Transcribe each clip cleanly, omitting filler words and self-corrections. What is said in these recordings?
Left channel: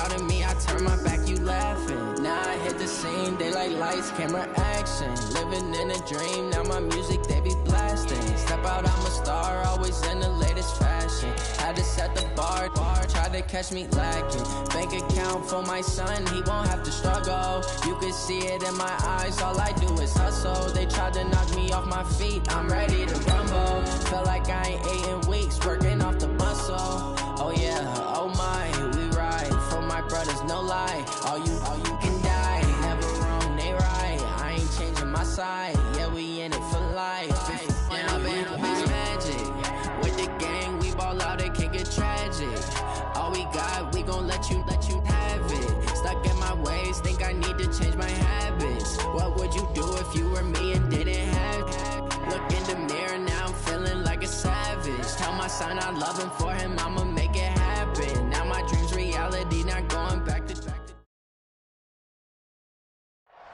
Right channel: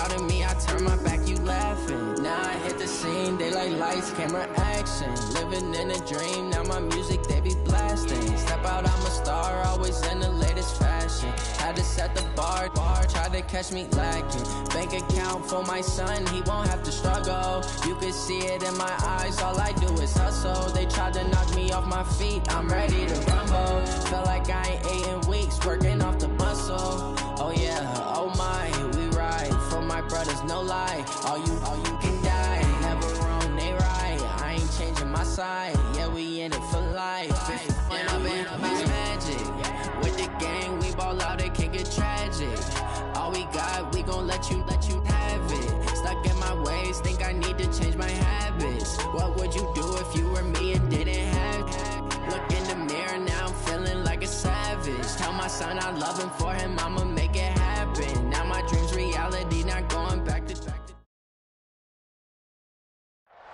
crowding me, I turn my back, you laughing. Now I hit the scene, they like lights, camera, action. Living in a dream, now my music, they be blasting. Step out, I'm a star, always in the latest fashion. Had to set the bar, tried to catch me lacking. Bank account for my son, he won't have to struggle. You can see it in my eyes, all I do is hustle. They tried to knock me off my feet, I'm ready to rumble. Feel like I ain't ate in weeks, working off the muscle. Oh yeah, oh my, we ride for my brothers, no lie. All you can die, never wrong, they right. I ain't changing my side, yeah, we in it for life. And I've been magic with the gang, we ball out, it can get tragic. All we got, we gon' let you have it. Stuck in my ways, think I need to change my habits. What would you do if you were me and didn't have it? Look in the mirror, now I'm feeling like a savage. Tell my son I love him, for him I'ma make it happen. Now my dream's reality, not going back to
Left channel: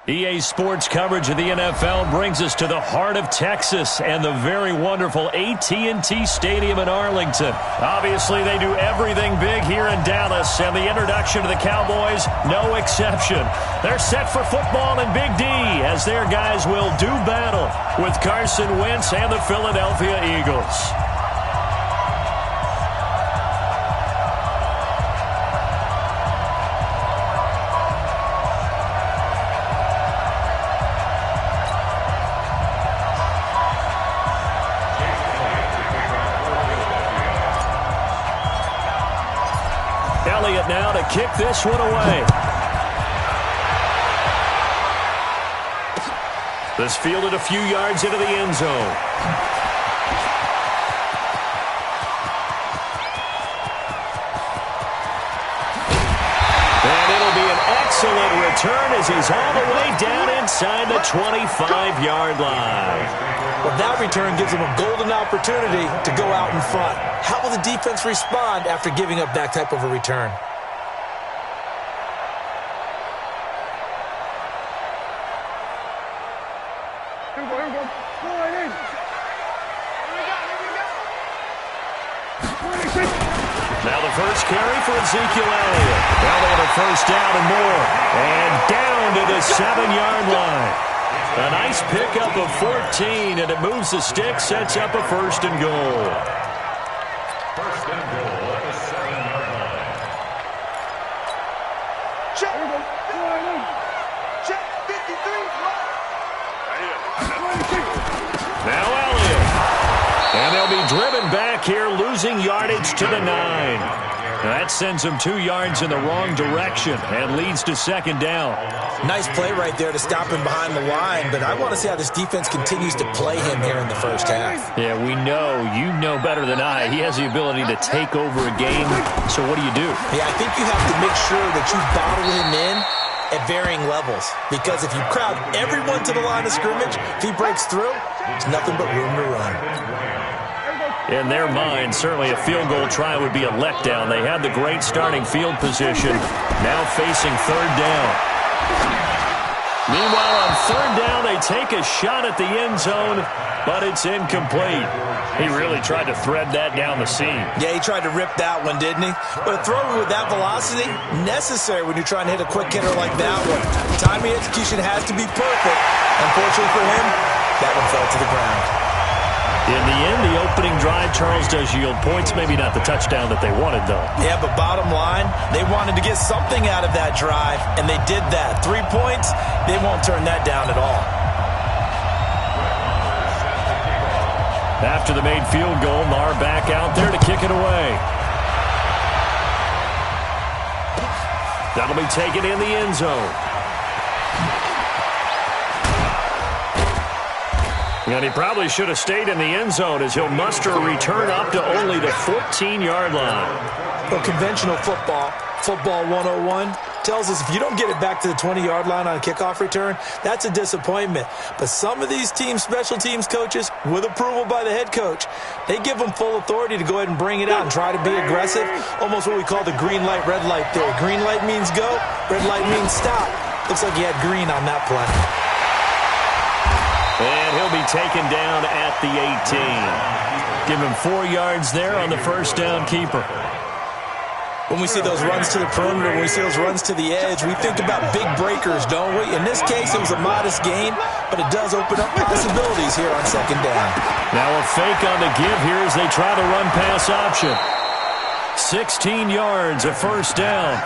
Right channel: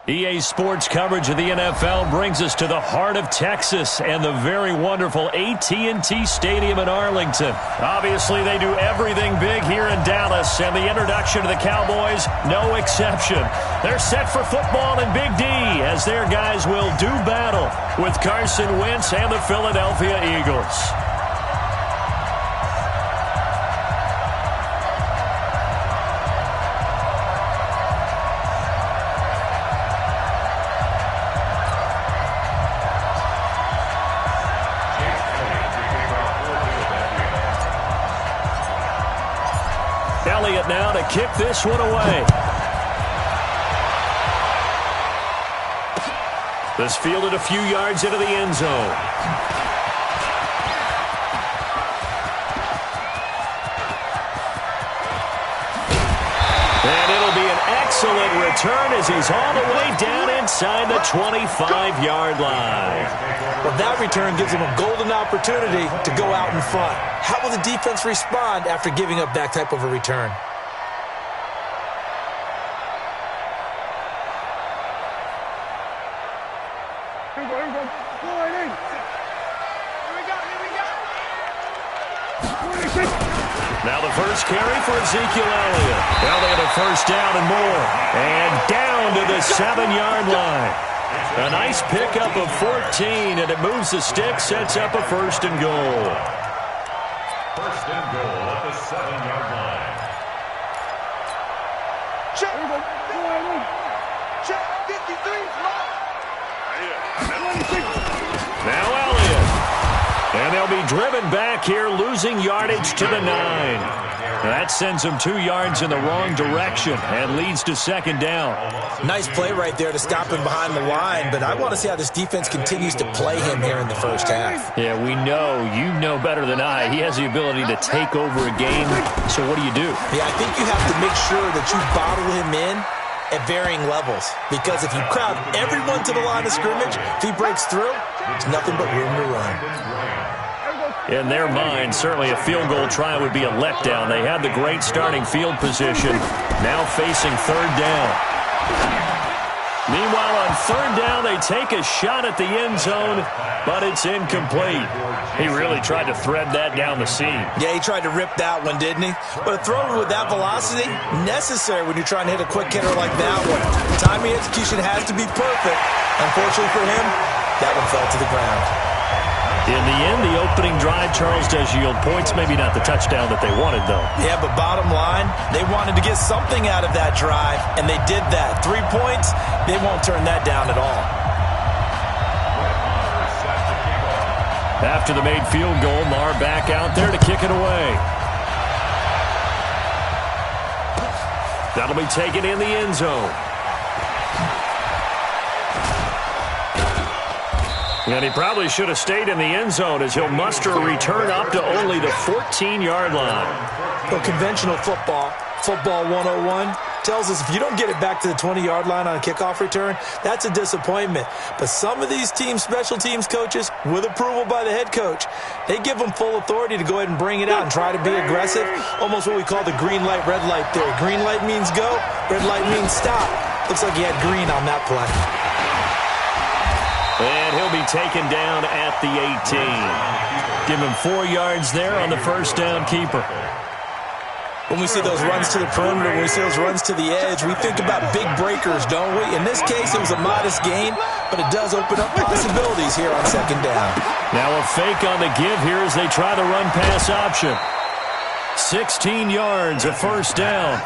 EA Sports coverage of the NFL brings us to the heart of Texas and the very wonderful AT&T Stadium in Arlington. Obviously, they do everything big here in Dallas, and the introduction to the Cowboys, no exception. They're set for football in Big D as their guys will do battle with Carson Wentz and the Philadelphia Eagles. Elliott now to kick this one away. This fielded a few yards into the end zone. And it'll be an excellent return as he's all the way down inside the 25-yard line. Well, that return gives them a golden opportunity to go out in front. How will the defense respond after giving up that type of a return? Here we go. Go right in. Here we go. Now the first carry for Ezekiel Elliott. Elliott a first down and more. And down to the 7-yard line. A nice pickup of 14, and it moves the stick, sets up a first and goal. First and goal at the 7-yard line. Check. Here we go. Go right in. Check. 53. Right here. Now Elliott. And they'll be driven back here, losing yardage to the 9. That sends them 2 yards in the wrong direction and leads to second down. Nice play right there to stop him behind the line, but I want to see how this defense continues to play him here in the first half. Yeah, we know. You know better than I. He has the ability to take over a game. So what do you do? Yeah, I think you have to make sure that you bottle him in at varying levels, because if you crowd everyone to the line of scrimmage, if he breaks through, there's nothing but room to run. In their mind, certainly a field goal try would be a letdown. They had the great starting field position, now facing third down. Meanwhile, on third down, they take a shot at the end zone, but it's incomplete. He really tried to thread that down the seam. Yeah, he tried to rip that one, didn't he? But a throw with that velocity, necessary when you're trying to hit a quick hitter like that one. Timing execution has to be perfect. Unfortunately for him, that one fell to the ground. In the end, the opening drive, Charles, does yield points. Maybe not the touchdown that they wanted, though. Yeah, but bottom line, they wanted to get something out of that drive, and they did that. 3 points, they won't turn that down at all. After the made field goal, Marr back out there to kick it away. That'll be taken in the end zone. And he probably should have stayed in the end zone as he'll muster a return up to only the 14-yard line. Well, conventional football 101, tells us if you don't get it back to the 20-yard line on a kickoff return, that's a disappointment. But some of these teams, special teams coaches, with approval by the head coach, they give them full authority to go ahead and bring it out and try to be aggressive, almost what we call the green light, red light theory. Green light means go, red light means stop. Looks like he had green on that play. And he'll be taken down at the 18. Give him 4 yards there on the first down keeper. When we see those runs to the perimeter, when we see those runs to the edge, we think about big breakers, don't we? In this case, it was a modest gain, but it does open up possibilities here on second down. Now a fake on the give here as they try the run-pass option. 16 yards, a first down.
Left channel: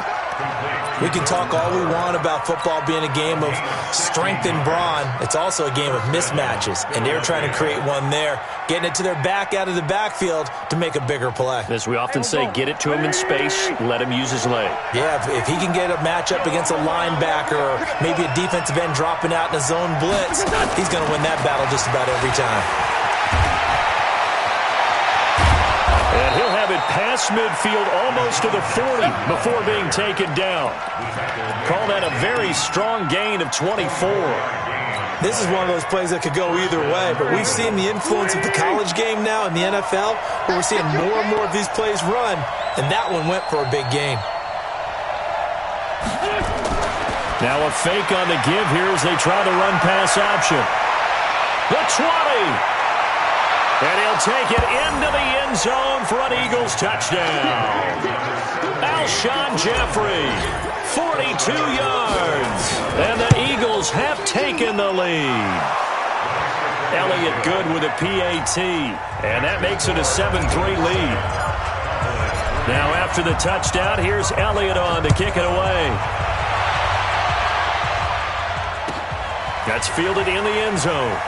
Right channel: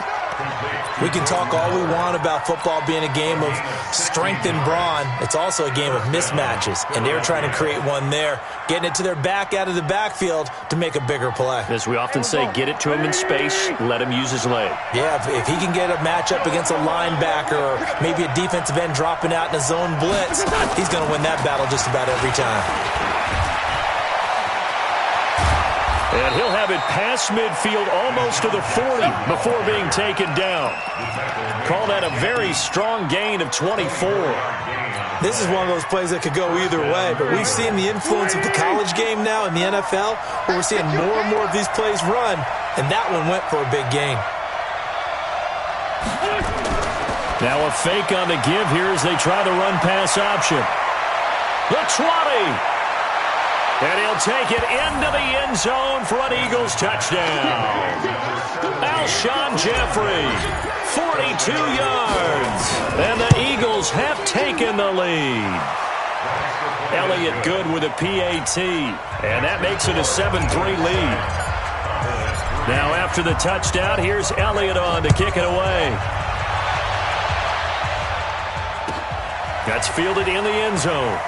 We can talk all we want about football being a game of strength and brawn. It's also a game of mismatches, and they're trying to create one there, getting it to their back out of the backfield to make a bigger play. As we often say, get it to him in space, let him use his leg. Yeah, if he can get a matchup against a linebacker or maybe a defensive end dropping out in a zone blitz, he's going to win that battle just about every time. And he'll have it past midfield almost to the 40 before being taken down. Call that a very strong gain of 24. This is one of those plays that could go either way, but we've seen the influence of the college game now in the NFL, where we're seeing more and more of these plays run, and that one went for a big gain. Now a fake on the give here as they try the run-pass option. The 20. And he'll take it into the end zone for an Eagles touchdown. Alshon Jeffrey, 42 yards. And the Eagles have taken the lead. Elliott good with a PAT. And that makes it a 7-3 lead. Now after the touchdown, here's Elliott on to kick it away. That's fielded in the end zone.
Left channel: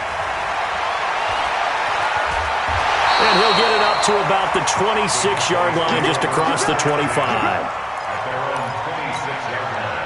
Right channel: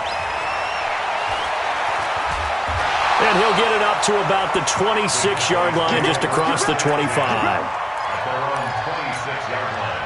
And he'll get it up to about the 26-yard line, just across the 25. At their own 26-yard line.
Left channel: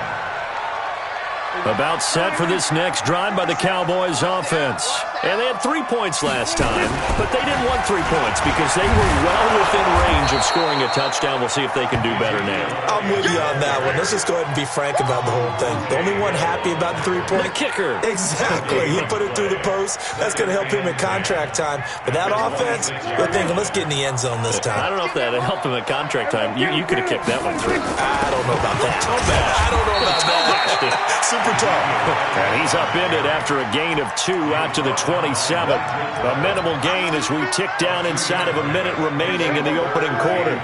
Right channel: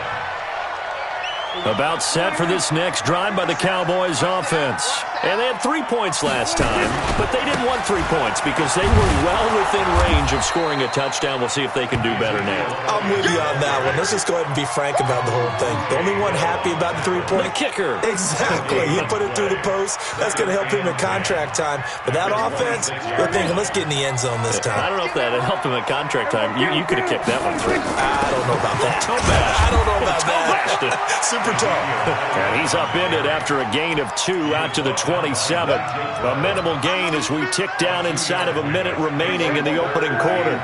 About set for this next drive by the Cowboys offense. And they had 3 points last time, but they didn't want 3 points because they were well within range of scoring a touchdown. We'll see if they can do better now. I'm with you on that one. Let's just go ahead and be frank about the whole thing. The only one happy about the 3-point? The kicker. Exactly. He put it through the post. That's going to help him at contract time. But that offense, they're thinking, let's get in the end zone this time. I don't know if that helped him at contract time. You could have kicked that one through. I don't know about that. I don't know about that. Super tough. And he's upended after a gain of 2 out to the 27. A minimal gain as we tick down inside of a minute remaining in the opening quarter.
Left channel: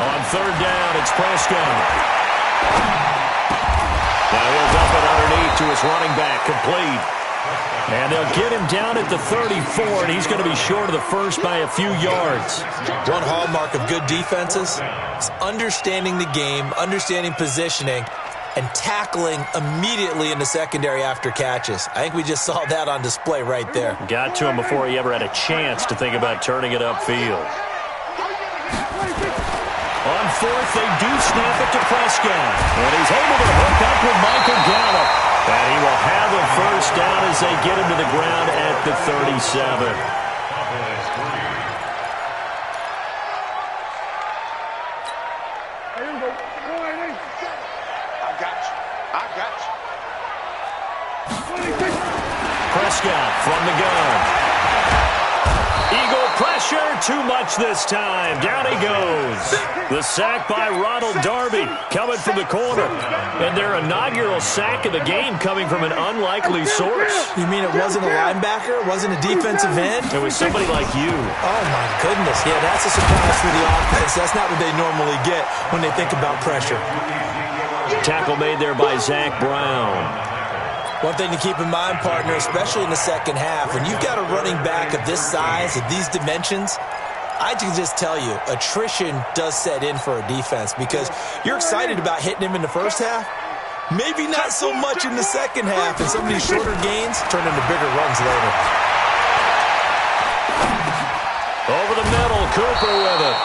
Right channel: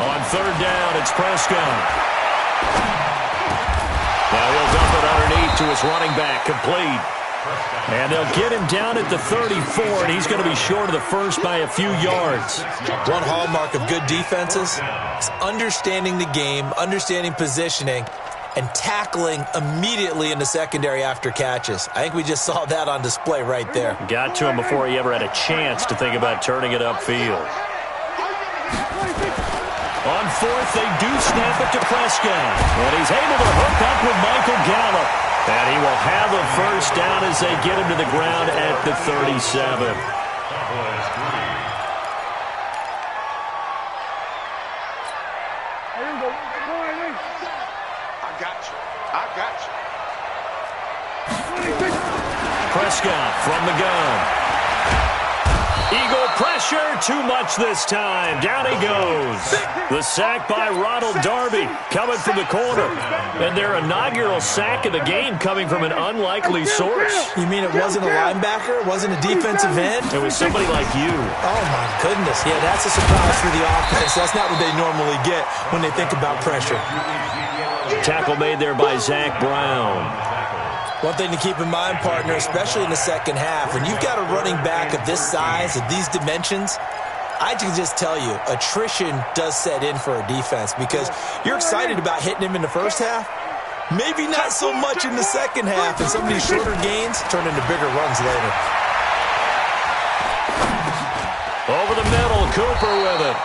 On third down, it's Prescott. Now he'll dump it underneath to his running back, complete. And they'll get him down at the 34, and he's going to be short of the first by a few yards. One hallmark of good defenses is understanding the game, understanding positioning, and tackling immediately in the secondary after catches. I think we just saw that on display right there. Got to him before he ever had a chance to think about turning it upfield. On fourth, they do snap it to Prescott. And he's able to hook up with Michael Gallup. And he will have a first down as they get him to the ground at the 37. I got you. Prescott from the gun. Eagle pressure, too much this time. Down he goes. The sack by Ronald Darby coming from the corner. And their inaugural sack of the game coming from an unlikely source. You mean it wasn't a linebacker? It wasn't a defensive end? It was somebody like you. Oh, my goodness. Yeah, that's a surprise for the offense. That's not what they normally get when they think about pressure. Tackle made there by Zach Brown. One thing to keep in mind, partner, especially in the second half, when you've got a running back of this size, of these dimensions, I can just tell you, attrition does set in for a defense because you're excited about hitting him in the first half. Maybe not so much in the second half, and some of these shorter gains turn into bigger runs later. Over the middle, Cooper with it.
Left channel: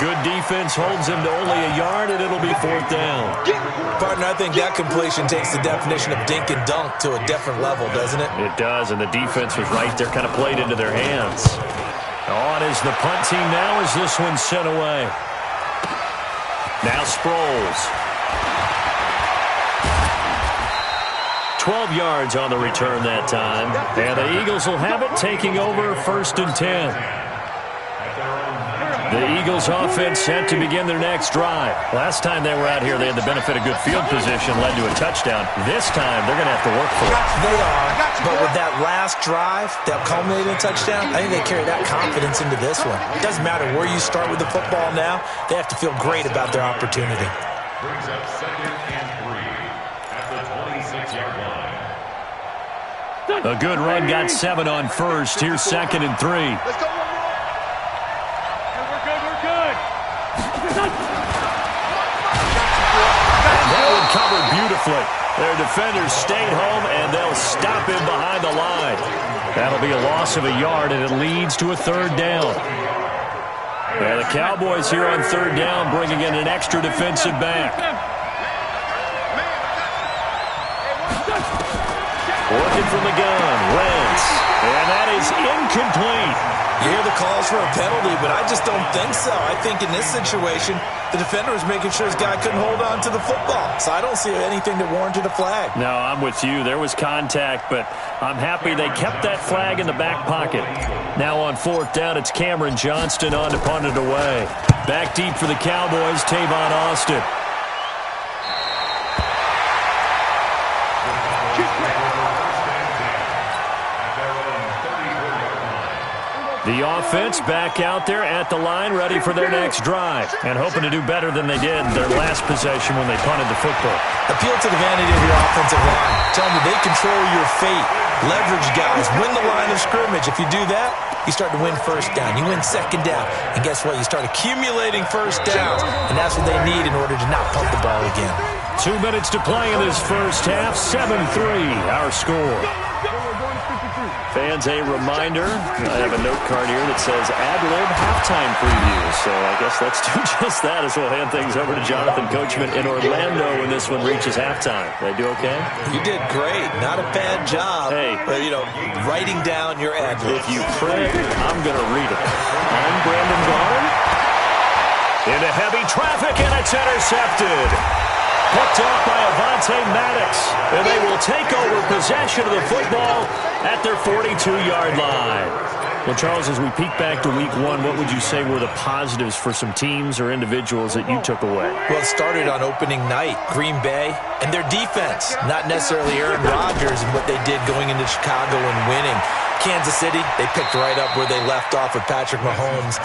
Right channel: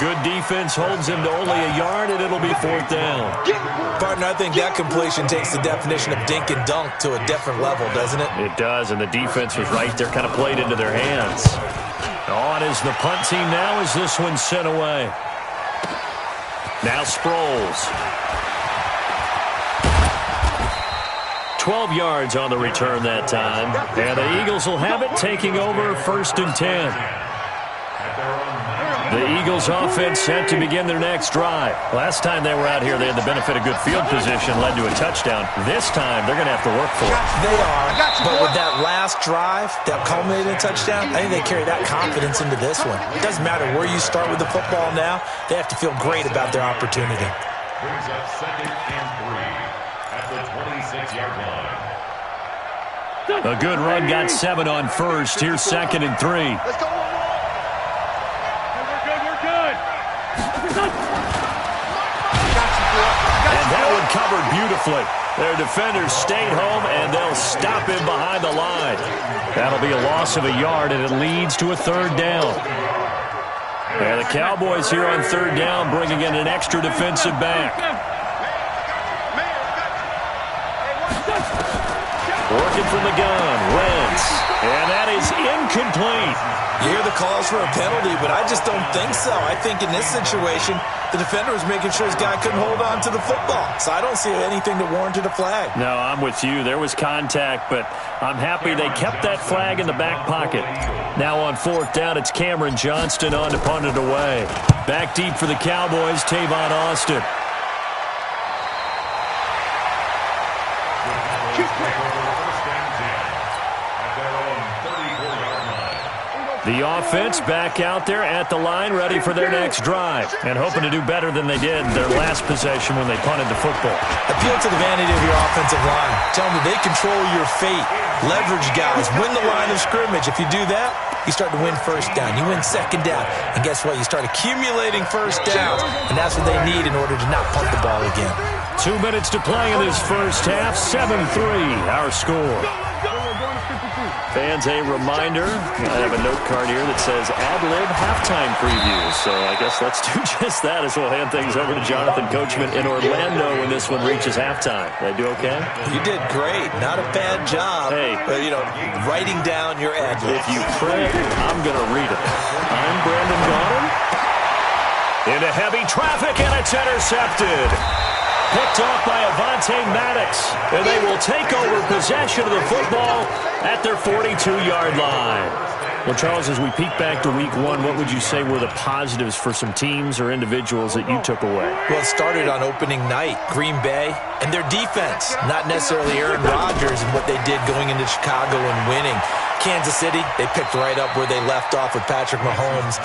Good defense holds him to only a yard, and it'll be fourth down. Partner, I think that completion takes the definition of dink and dunk to a different level, doesn't it? It does, and the defense was right there, kind of played into their hands. On is the punt team now as this one's sent away. Now Sproles. 12 yards on the return that time. And the Eagles will have it, taking over 1st and 10. The Eagles offense set to begin their next drive. Last time they were out here, they had the benefit of good field position, led to a touchdown. This time, they're going to have to work for it. They are, but with that last drive that culminated in a touchdown, I think they carry that confidence into this one. It doesn't matter where you start with the football now. They have to feel great about their opportunity. Brings up 2nd and 3 at the 26-yard line. A good run got 7 on first. Here's 2nd and 3. Let's go. Good. And that one covered beautifully. Their defenders stayed home, and they'll stop him behind the line. That'll be a loss of a yard, and it leads to a 3rd down. And the Cowboys here on 3rd down, bringing in an extra defensive back. Working from the gun, Wentz. And that is incomplete. You hear the calls for a penalty, but I just don't think so. I think in this situation, the defender was making sure his guy couldn't hold on to the football. So I don't see anything that warranted a flag. No, I'm with you. There was contact, but I'm happy they kept that flag in the back pocket. Now on 4th down, it's Cameron Johnston on to punt it away. Back deep for the Cowboys, Tavon Austin. The offense back out there at the line, ready for their next drive, and hoping to do better than they did their last possession when they punted the football. Appeal to the vanity of your offensive line. Tell them that they control your fate. Leverage guys. Win the line of scrimmage. If you do that, you start to win 1st down. You win 2nd down. And guess what? You start accumulating 1st downs, and that's what they need in order to not punt the ball again. 2 minutes to play in this first half. 7-3, our score. Fans, a reminder, I have a note card here that says ad-lib halftime preview. So I guess let's do just that as we'll hand things over to Jonathan Coachman in Orlando when this one reaches halftime. Did I do okay? You did great. Not a bad job. Hey. But, writing down your ad-lib. If you print, I'm going to read it. I'm Brandon Gaudin. Into heavy traffic, and it's intercepted. Picked off by Avonte Maddox, and they will take over possession of the football at their 42-yard line. Well, Charles, as we peek back to week 1, what would you say were the positives for some teams or individuals that you took away? Well, it started on opening night, Green Bay, and their defense. Not necessarily Aaron Rodgers and what they did going into Chicago and winning. Kansas City, they picked right up where they left off with Patrick Mahomes.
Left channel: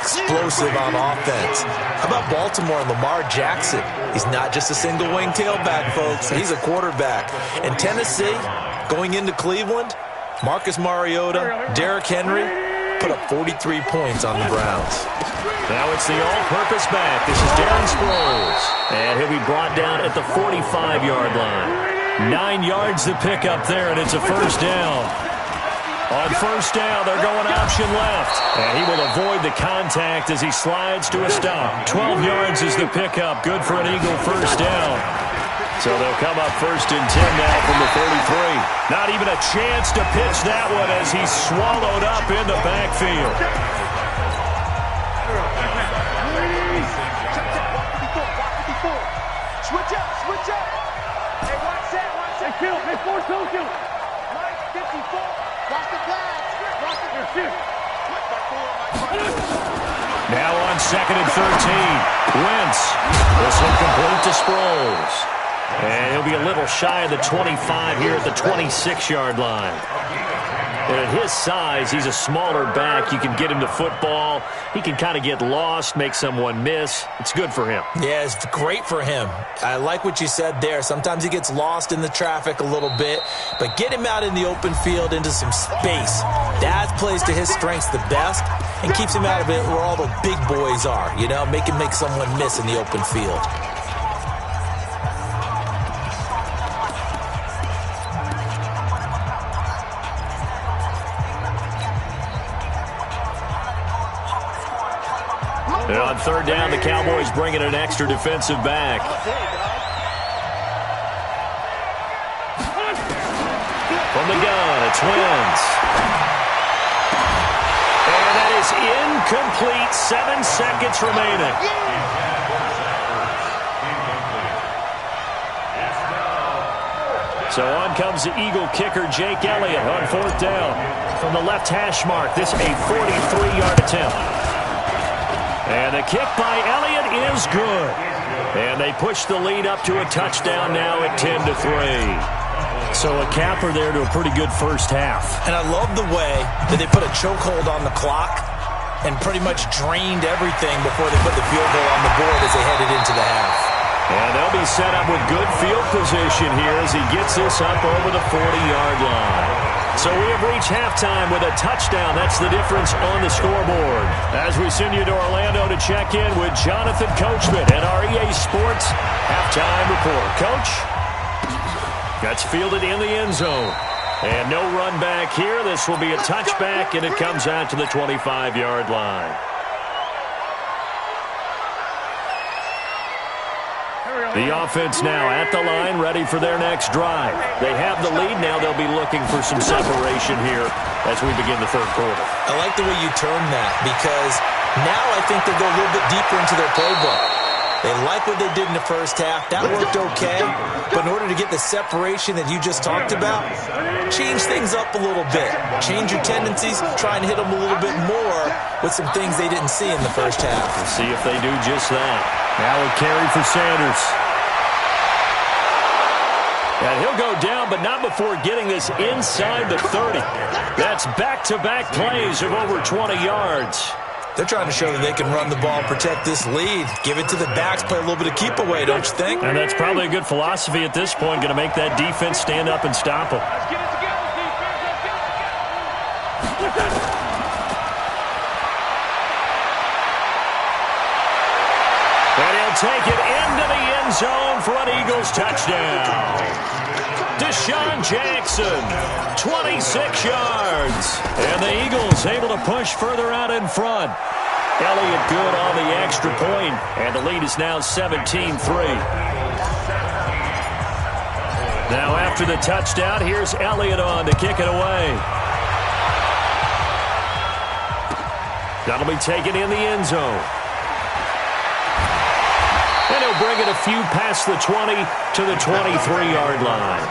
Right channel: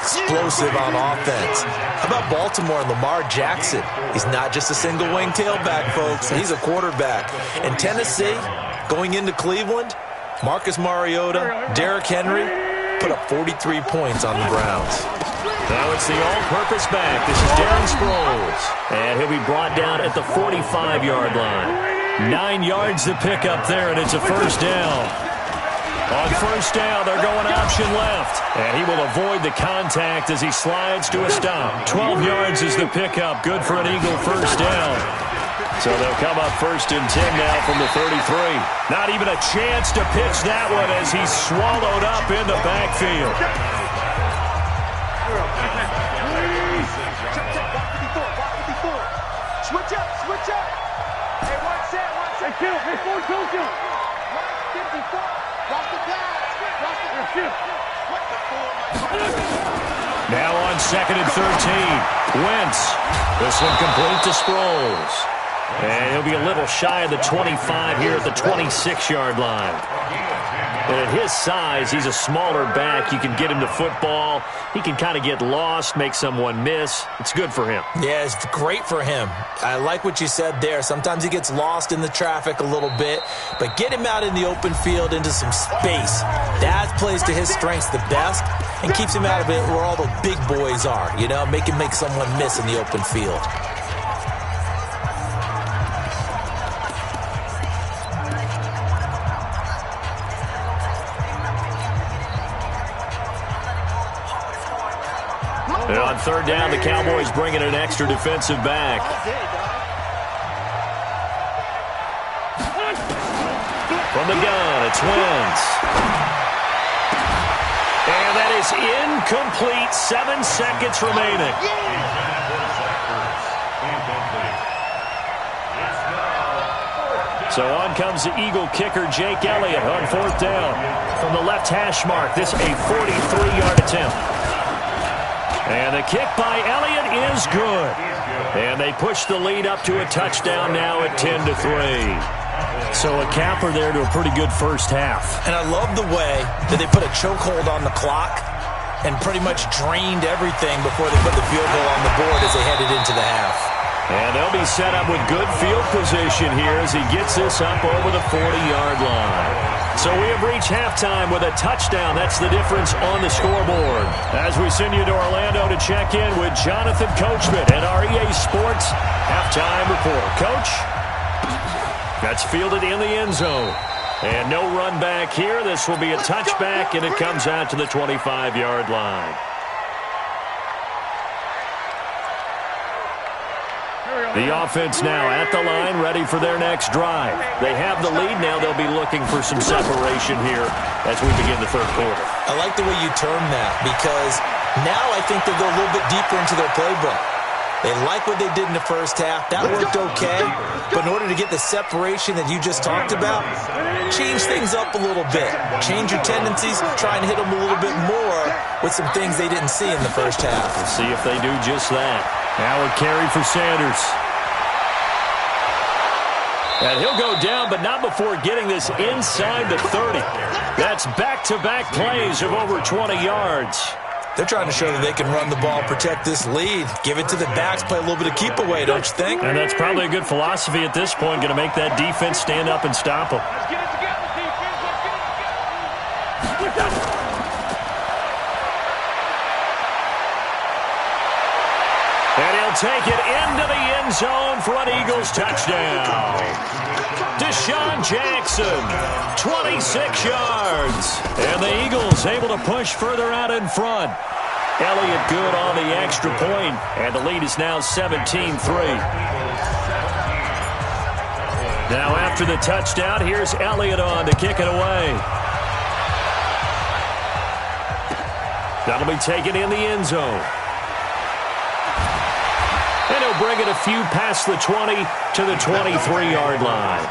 Explosive on offense. How about Baltimore and Lamar Jackson? He's not just a single-wing tailback, folks. He's a quarterback. And Tennessee, going into Cleveland, Marcus Mariota, Derrick Henry put up 43 points on the Browns. Now it's the all-purpose back. This is Darren Sproles. And he'll be brought down at the 45-yard line. 9 yards to pick up there, and it's a 1st down. On 1st down, they're going option left. And he will avoid the contact as he slides to a stop. 12 yards is the pickup. Good for an Eagle 1st down. So they'll come up 1st and 10 now from the 33. Not even a chance to pitch that one as he's swallowed up in the backfield. Switch up. Hey, watch that. Hey, kill. Hey, force kill. Right, 54. Watch the pass. Now on 2nd and 13. Wentz. This one complete to Sproles. And he'll be a little shy of the 25 here at the 26-yard line. And at his size, he's a smaller back. You can get him to football. He can kind of get lost, make someone miss. It's good for him. Yeah, it's great for him. I like what you said there. Sometimes he gets lost in the traffic a little bit, but get him out in the open field into some space. That plays to his strengths the best and keeps him out of it where all the big boys are, make him make someone miss in the open field. And on 3rd down, the Cowboys bring in an extra defensive back. From the gun, it's Wentz. And that is incomplete. 7 seconds remaining. So on comes the Eagle kicker, Jake Elliott, on 4th down. From the left hash mark, this a 43-yard attempt. And the kick by Elliott is good. And they push the lead up to a touchdown now at 10-3. So a capper there to a pretty good first half. And I love the way that they put a chokehold on the clock and pretty much drained everything before they put the field goal on the board as they headed into the half. And they'll be set up with good field position here as he gets this up over the 40-yard line. So we have reached halftime with a touchdown. That's the difference on the scoreboard. As we send you to Orlando to check in with Jonathan Coachman and our EA Sports halftime report. Coach, that's fielded in the end zone. And no run back here. This will be a touchback, and it comes out to the 25-yard line. The offense now at the line, ready for their next drive. They have the lead. Now they'll be looking for some separation here as we begin the third quarter. I like the way you term that because now I think they'll go a little bit deeper into their playbook. They like what they did in the first half. That worked okay. But in order to get the separation that you just talked about, change things up a little bit. Change your tendencies. Try and hit them a little bit more with some things they didn't see in the first half. We'll see if they do just that. Now a carry for Sanders. And he'll go down, but not before getting this inside the 30. That's back-to-back plays of over 20 yards. They're trying to show that they can run the ball, protect this lead. Give it to the backs, play a little bit of keep away, don't you think? And that's probably a good philosophy at this point, going to make that defense stand up and stop them. Let's get it together, defense. Let's get it together. And he'll take it into the end zone for an Eagles touchdown. Deshaun Jackson, 26 yards. And the Eagles able to push further out in front. Elliott good on the extra point, and the lead is now 17-3. Now after the touchdown, here's Elliott on to kick it away. That'll be taken in the end zone. And he'll bring it a few past the 20 to the 23-yard line.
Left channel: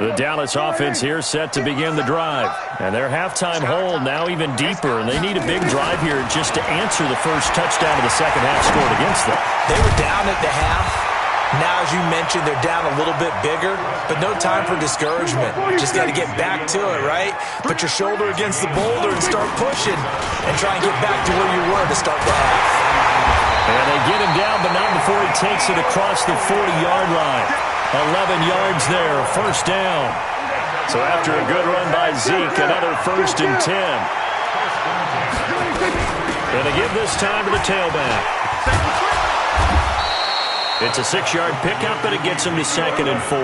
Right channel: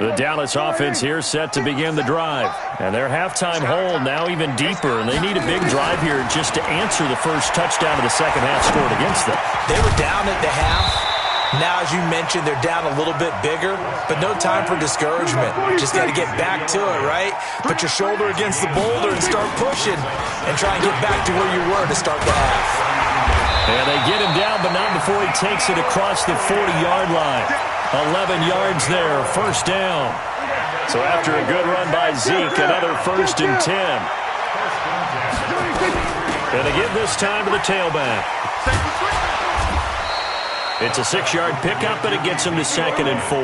The Dallas offense here set to begin the drive. And their halftime hold now even deeper, and they need a big drive here just to answer the first touchdown of the second half scored against them. They were down at the half. Now, as you mentioned, they're down a little bit bigger, but no time for discouragement. Just got to get back to it, right? Put your shoulder against the boulder and start pushing and try and get back to where you were to start the half. And they get him down, but not before he takes it across the 40-yard line. 11 yards there, first down. So after a good run by Zeke, another 1st and 10. And they give this time to the tailback. It's a 6-yard pickup, and it gets him to 2nd and 4.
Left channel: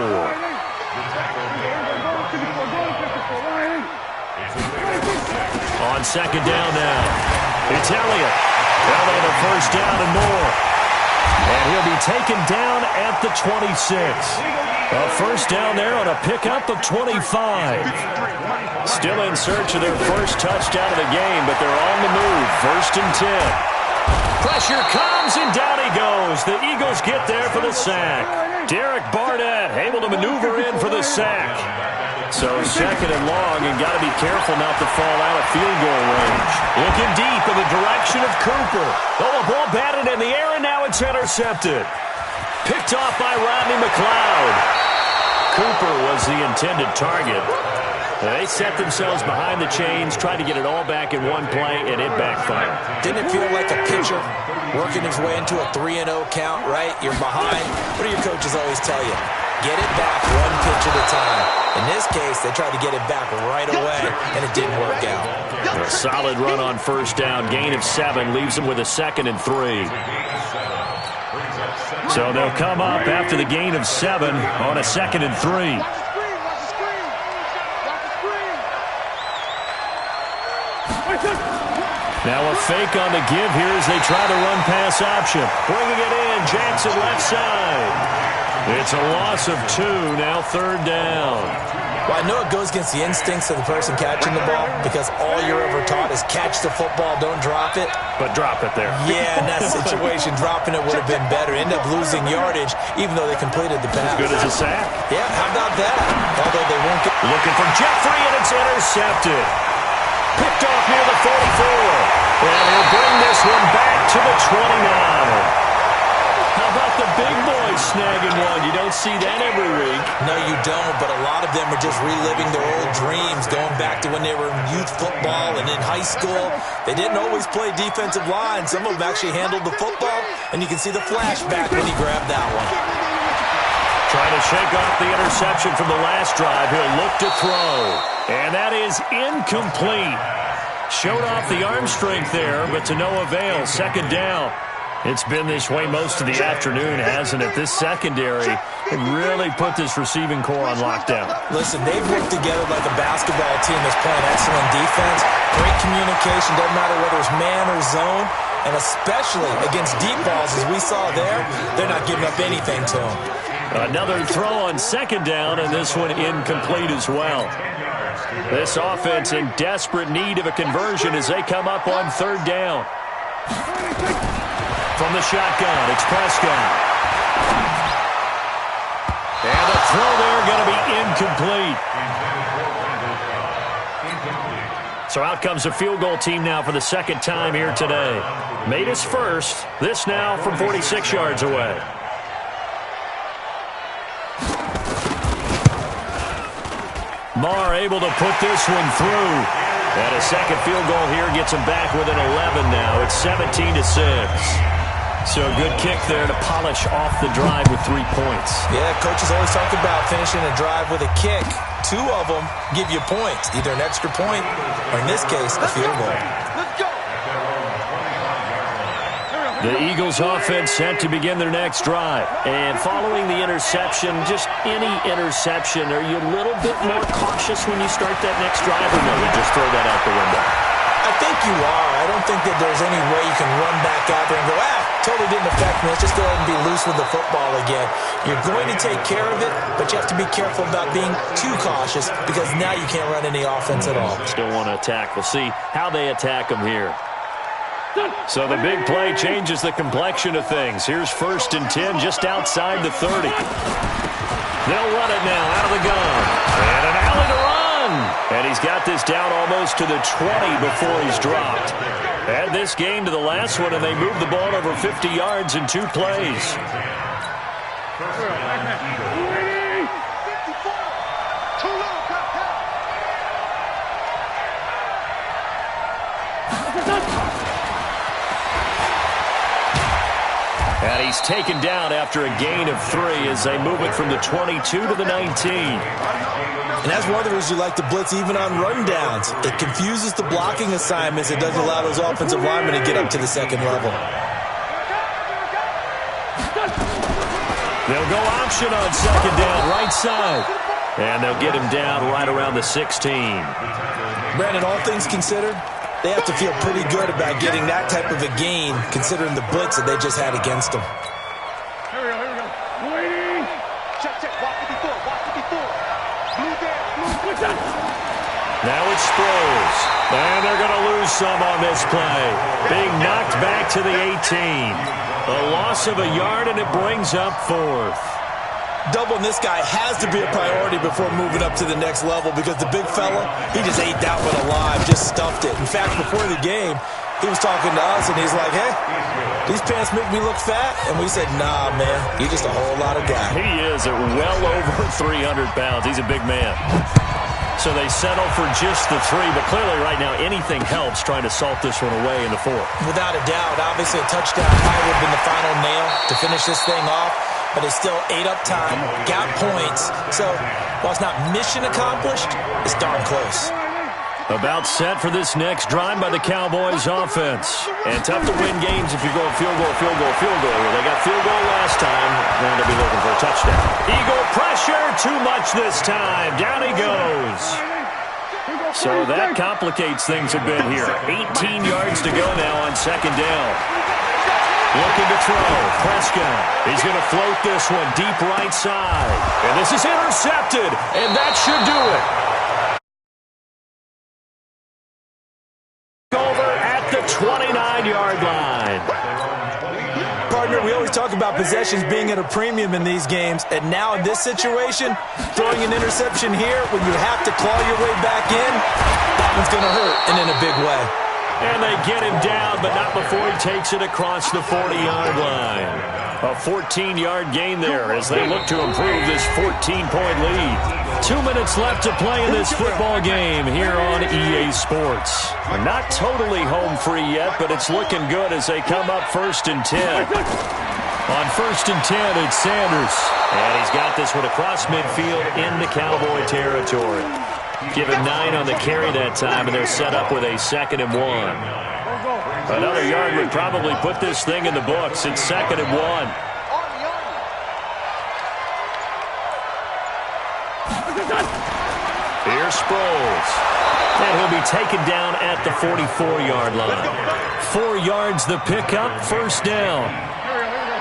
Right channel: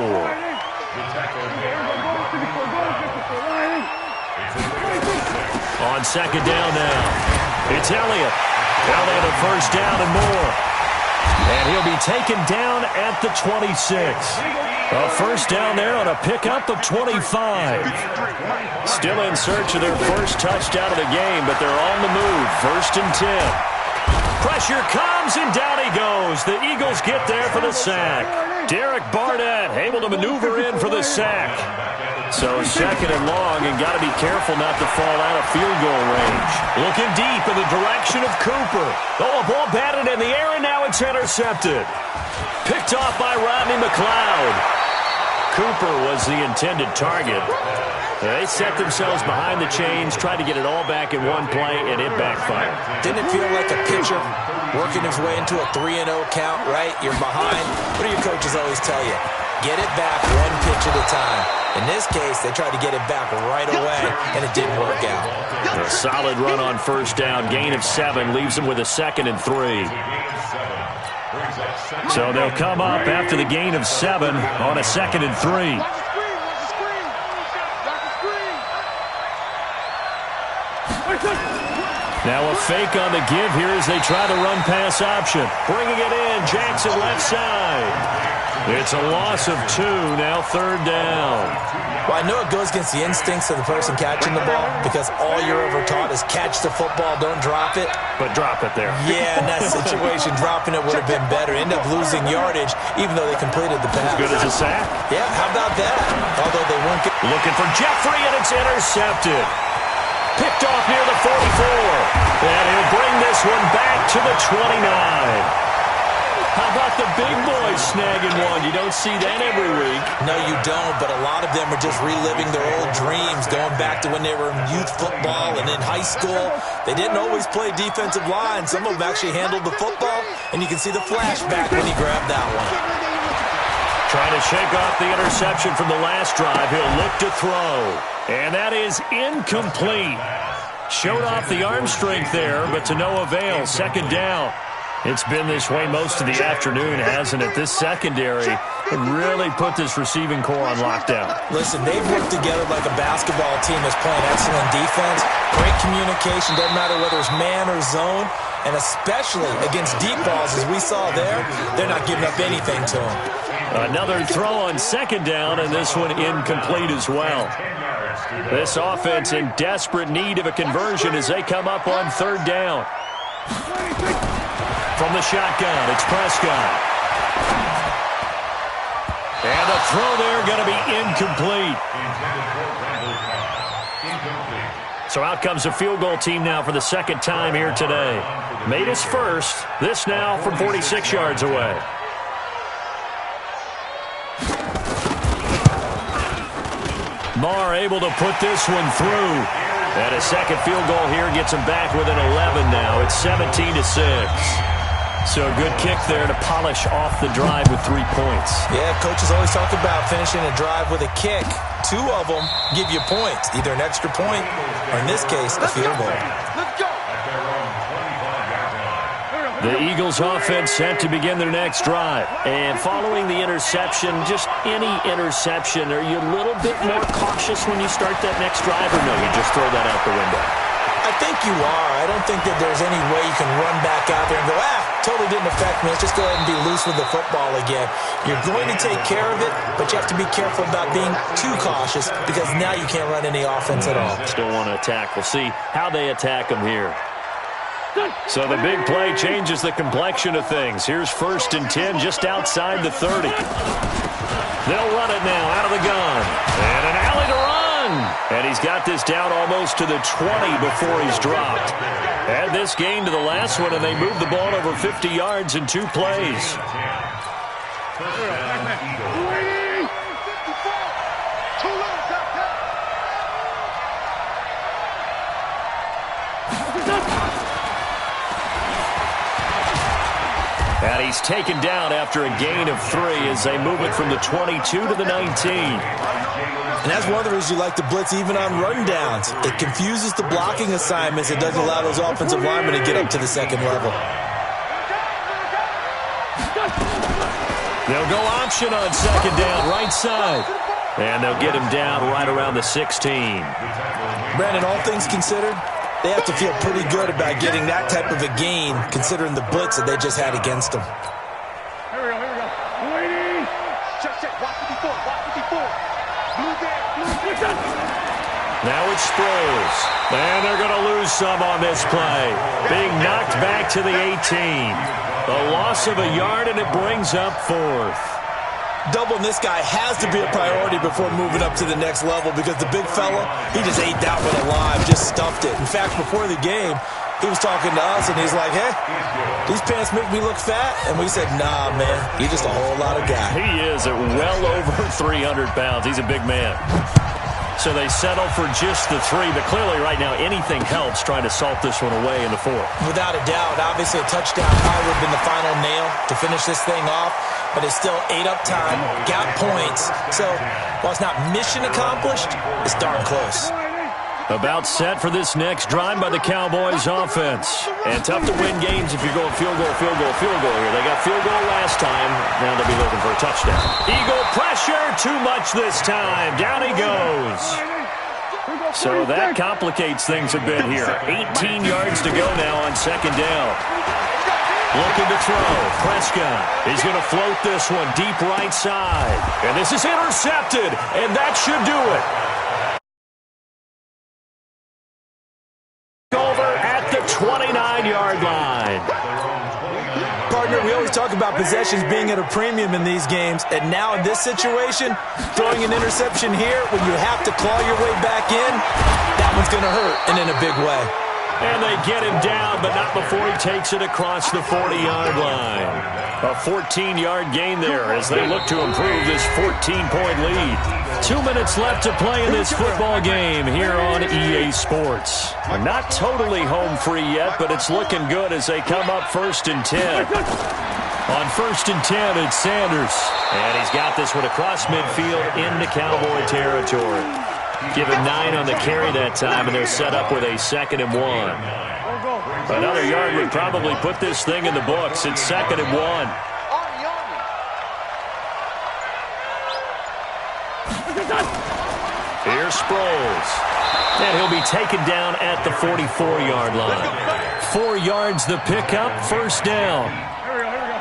On 2nd down now, it's Elliott. Elliott a first down and more. And he'll be taken down at the 26. A first down there on a pickup of 25. Still in search of their first touchdown of the game, but they're on the move. 1st and 10. Pressure comes, and down he goes. The Eagles get there for the sack. Derek Barnett able to maneuver in for the sack. So 2nd and long, and got to be careful not to fall out of field goal range. Looking deep in the direction of Cooper. Oh, a ball batted in the air, and now it's intercepted. Picked off by Rodney McLeod. Cooper was the intended target. They set themselves behind the chains, tried to get it all back in one play, and it backfired. Didn't it feel like a pitcher working his way into a 3-0 count, right? You're behind. What do your coaches always tell you? Get it back one pitch at a time. In this case, they tried to get it back right away, and it didn't work out. A solid run on first down. Gain of 7 leaves them with a 2nd and 3. So they'll come up after the gain of 7 on a 2nd and 3. Watch the screen. Watch the screen. Watch the screen. Now a fake on the give here as they try the run-pass option. Bringing it in, Jackson left side. It's a loss of 2, now 3rd down. Well, I know it goes against the instincts of the person catching the ball because all you're ever taught is catch the football, don't drop it. But drop it there. Yeah, in that situation, dropping it would have been better. End up losing yardage, even though they completed the pass. As good as a sack. Yeah, how about that? Although they won't get... Looking for Jeffrey, and it's intercepted. Picked off near the 44. And he'll bring this one back to the 29. How about the big boys snagging one? You don't see that every week. No, you don't, but a lot of them are just reliving their old dreams, going back to when they were in youth football and in high school. They didn't always play defensive line. Some of them actually handled the football, and you can see the flashback when he grabbed that one. Trying to shake off the interception from the last drive. He'll look to throw. And that is incomplete. Showed off the arm strength there, but to no avail. 2nd down. It's been this way most of the afternoon, hasn't it? This secondary really put this receiving core on lockdown. Listen, they've worked together like a basketball team that's playing excellent defense. Great communication, doesn't matter whether it's man or zone. And especially against deep balls, as we saw there, they're not giving up anything to them. Another throw on 2nd down, and this one incomplete as well. This offense in desperate need of a conversion as they come up on 3rd down. From the shotgun, it's Prescott. And the throw there going to be incomplete. So out comes the field goal team now for the 2nd time here today. Made his first. This now from 46 yards away. Marr able to put this one through. And a second field goal here gets him back within 11 now. It's 17-6. So a good kick there to polish off the drive with 3 points. Yeah, coaches always talk about finishing a drive with a kick. 2 of them give you points, either an extra point or, in this case, a field goal. Let's go. The Eagles offense set to begin their next drive. And following the interception, just any interception, are you a little bit more cautious when you start that next drive, or no, you just throw that out the window? I think you are. I don't think that there's any way you can run back out there and go, totally didn't affect me. Let's just go ahead and be loose with the football again. You're going to take care of it, but you have to be careful about being too cautious because now you can't run any offense at all. Still want to attack. We'll see how they attack them here. So the big play changes the complexion of things. Here's 1st and 10 just outside the 30. They'll run it now out of the gun. And an alley to run. And he's got this down almost to the 20 before he's dropped. Add this gain to the last one, and they move the ball over 50 yards in 2 plays. And he's taken down after a gain of 3 as they move it from the 22 to the 19. And that's one of the reasons you like to blitz even on rundowns. It confuses the blocking assignments. It doesn't allow those offensive linemen to get up to the 2nd level. They'll go option on 2nd down, right side. And they'll get him down right around the 16. Brandon, all things considered, they have to feel pretty good about getting that type of a gain, considering the blitz that they just had against them. Here we go. Waiting. Check. Watch it before. Blue there. Blue. Now it's Sproles. And they're going to lose some on this play. Being knocked back to the 18. A loss of a yard, and it brings up 4th. Doubling this guy has to be a priority before moving up to the next level because the big fella, he just ate that one alive, just stuffed it. In fact, before the game, he was talking to us, and he's like, hey, these pants make me look fat? And we said, nah, man, you're just a whole lot of guy. He is at well over 300 pounds. He's a big man. So they settle for just the 3, but clearly right now anything helps trying to salt this one away in the 4th. Without a doubt, obviously a touchdown probably would have been the final nail to finish this thing off, but it's still ate up time, got points. So while it's not mission accomplished, it's darn close. About set for this next drive by the Cowboys offense. And tough to win games if you're going field goal here. They got field goal last time. Now they'll be looking for a touchdown. Eagle pressure, too much this time. Down he goes. So that complicates things a bit here. 18 yards to go now on 2nd down. Looking to throw. Prescott. He's going to float this one deep right side. And this is intercepted. And that should do it. Over at the 29-yard line. Partner, we always talk about possessions being at a premium in these games. And now in this situation, throwing an interception here when you have to claw your way back in, that one's going to hurt and in a big way. And they get him down, but not before he takes it across the 40-yard line. A 14-yard gain there as they look to improve this 14-point lead. 2 minutes left to play in this football game here on EA Sports. Not totally home free yet, but it's looking good as they come up 1st and 10. On 1st and 10, it's Sanders. And he's got this one across midfield into Cowboy territory. Give him 9 on the carry that time, and they're set up with a 2nd and 1. Another yard would probably put this thing in the books. It's 2nd and 1. Here's Sproles. And he'll be taken down at the 44-yard line. 4 yards the pickup, 1st down. Here we go.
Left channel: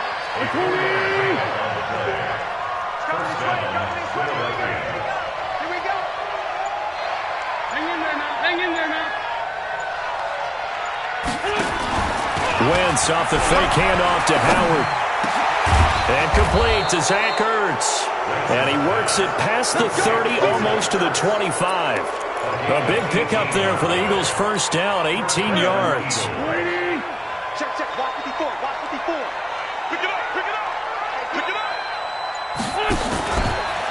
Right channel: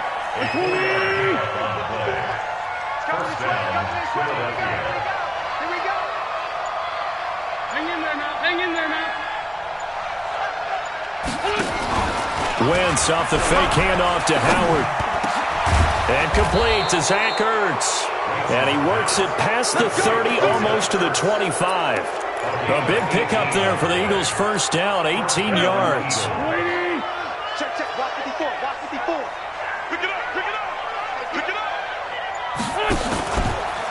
Come this way. Here we go. Hang in there now. Wentz off the fake handoff to Howard. And complete to Zach Ertz. And he works it past the 30, almost to the 25. A big pickup there for the Eagles' 1st down, 18 yards. Check. Watch 54. Pick it up.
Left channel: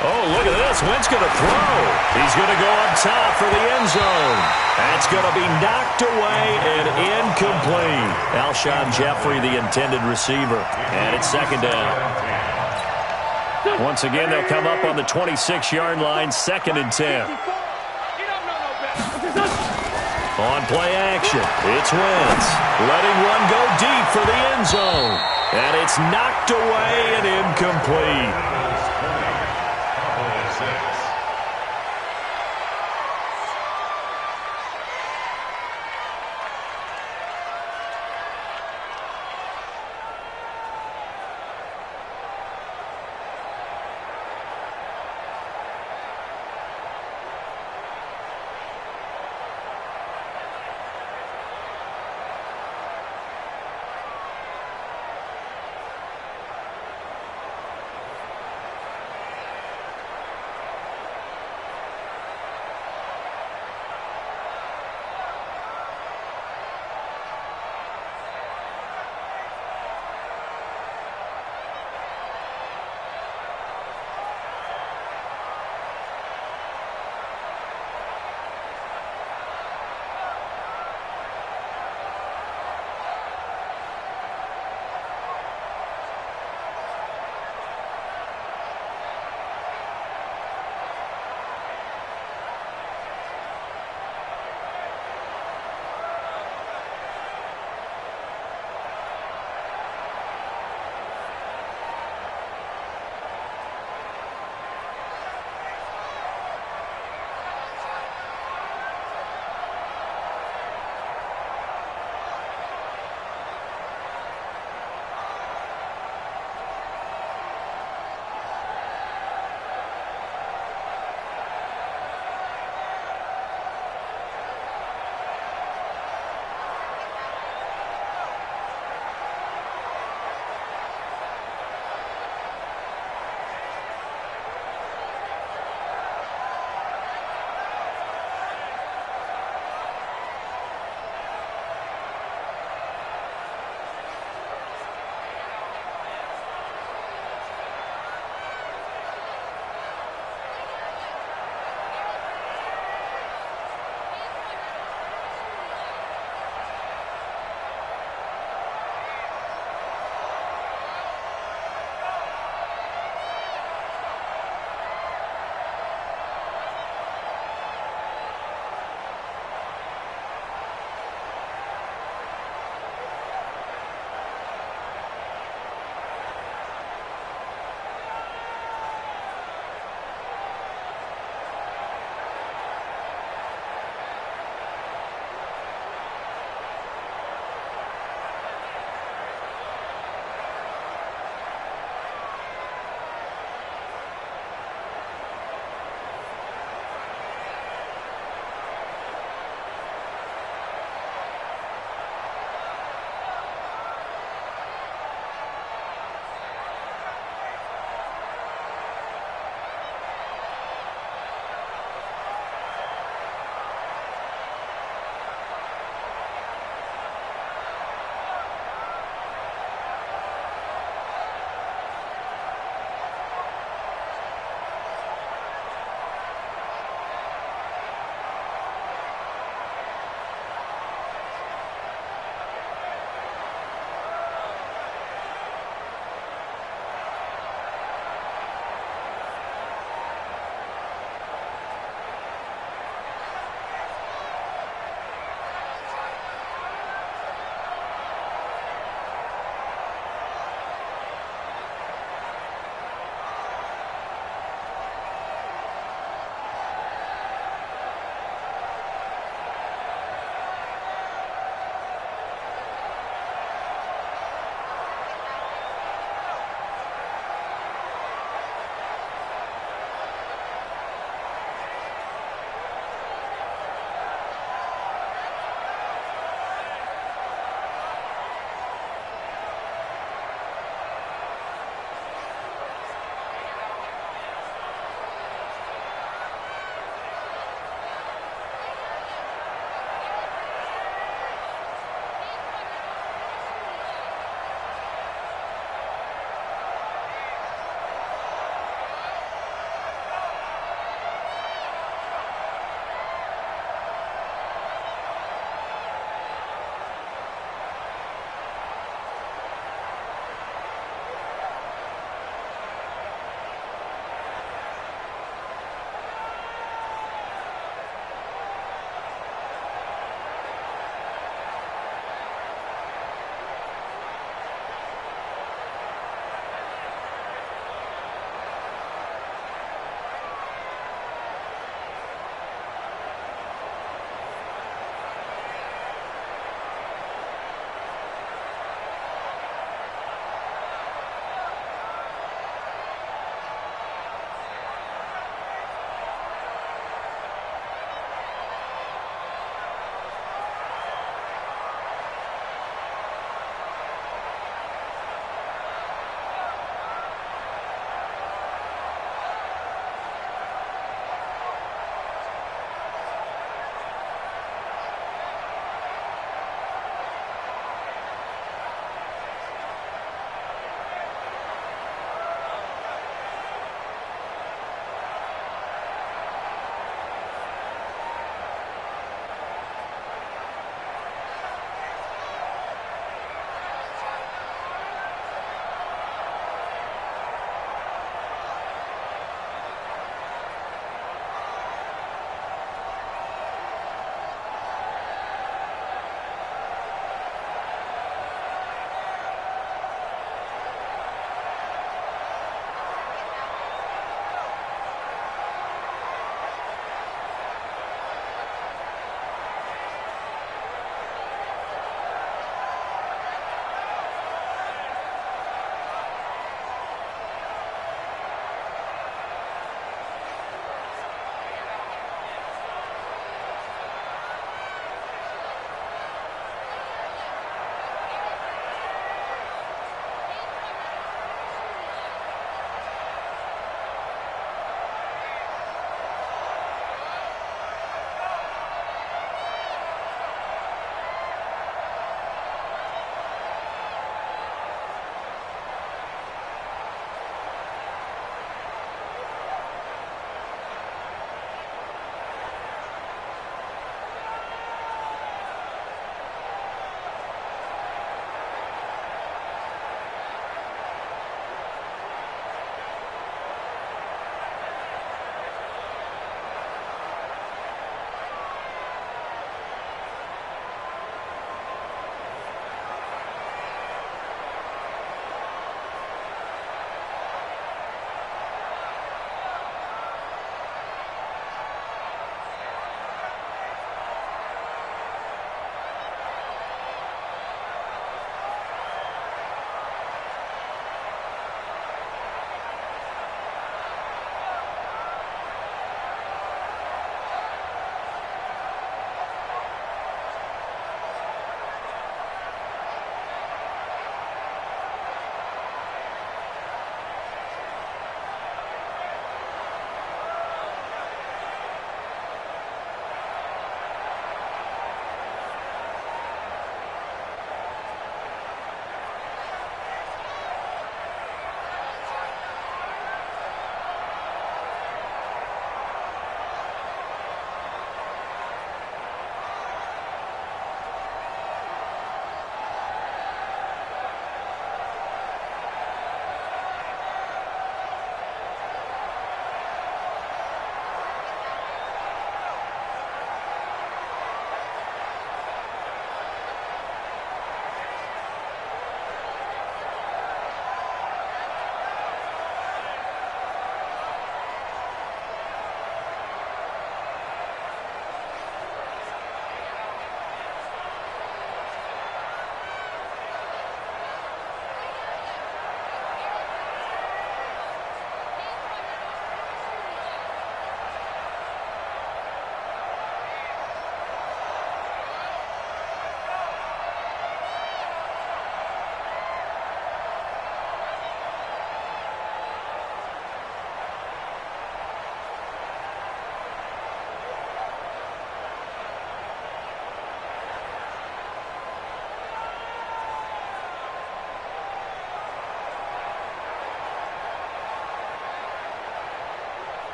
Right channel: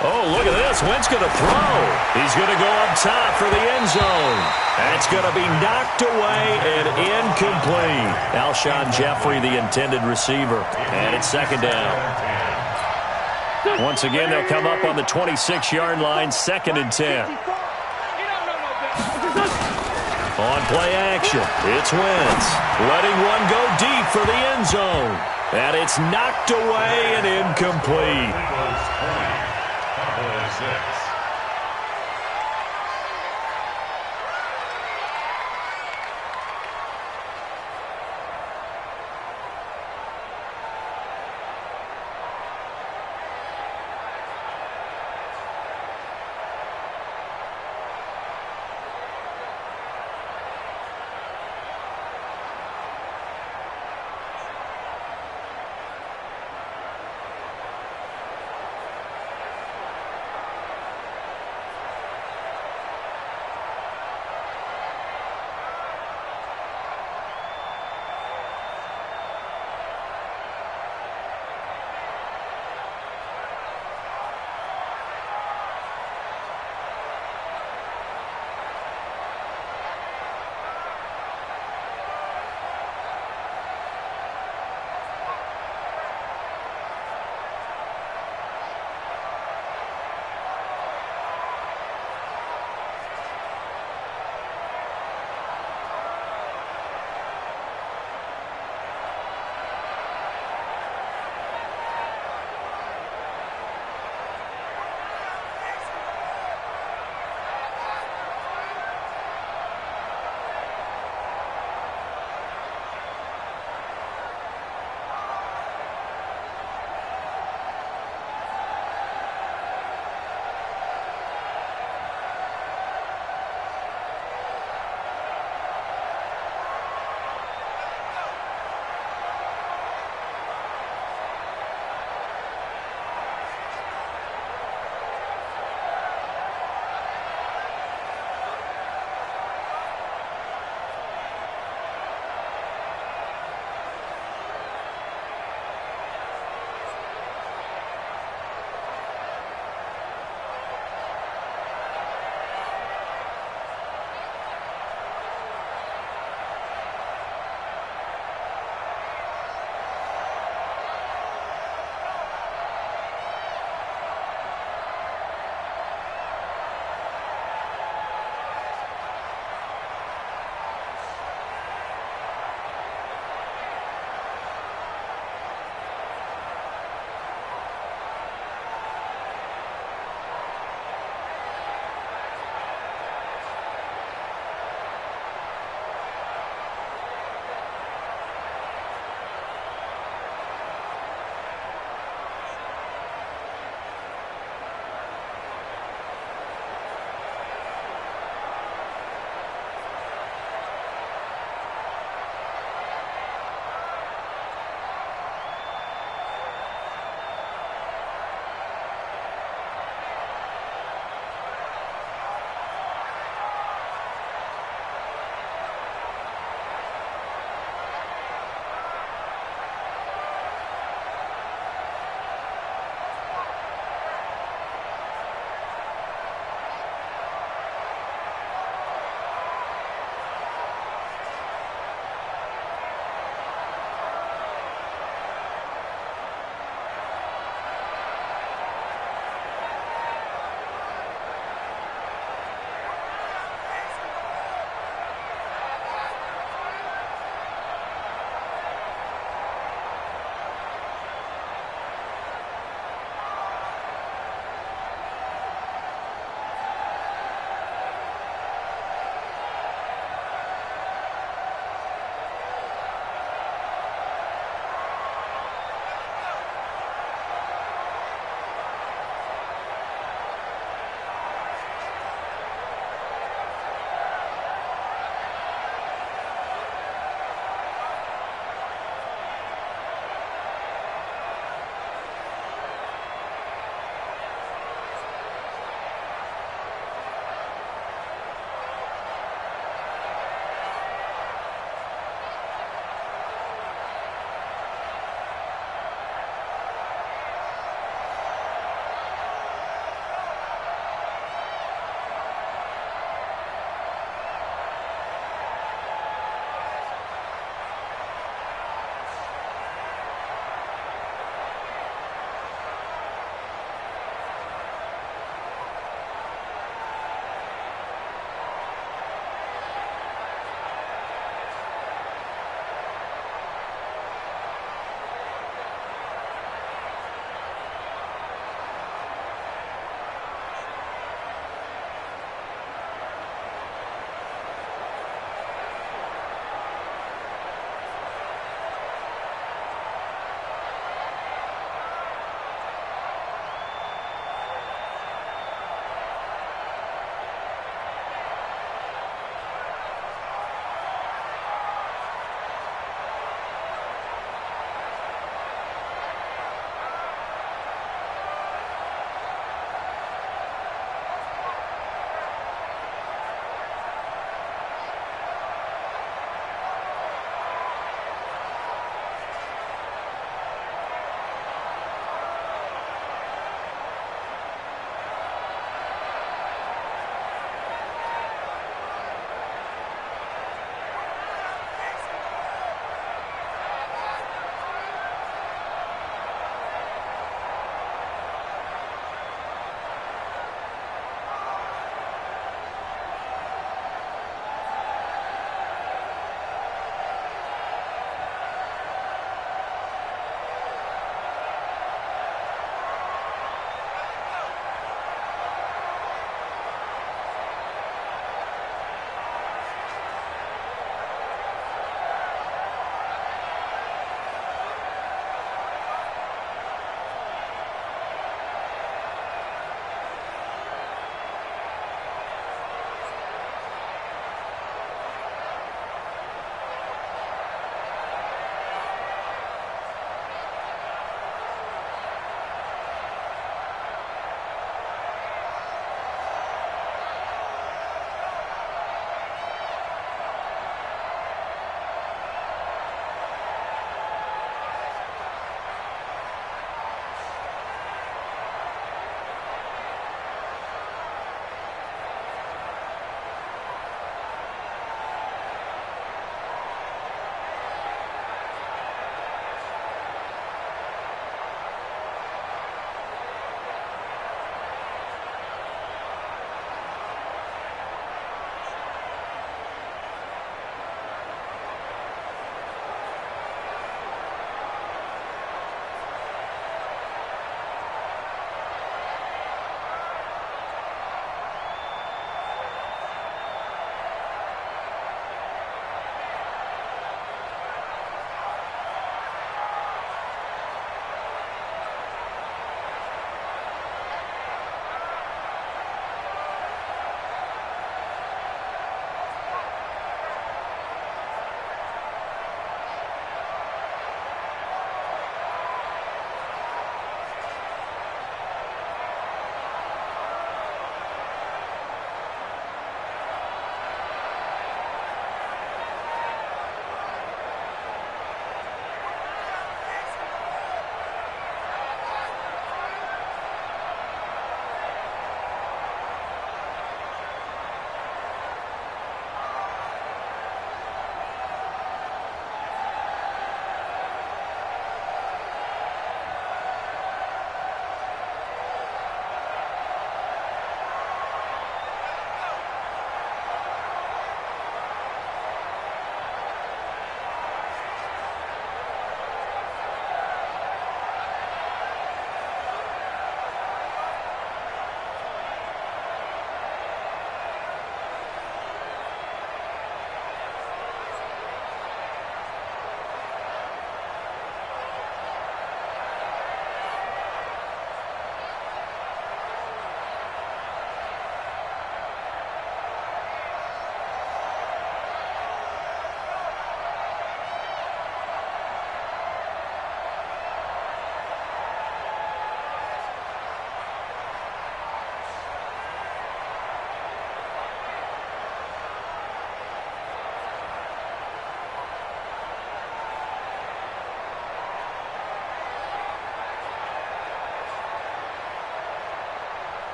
Oh, look at this. Wentz going to throw. He's going to go up top for the end zone. That's going to be knocked away and incomplete. Alshon Jeffrey, the intended receiver. And it's 2nd down. Once again, they'll come up on the 26-yard line, 2nd and 10. On play action, it's Wentz. Letting one go deep for the end zone. And it's knocked away and incomplete.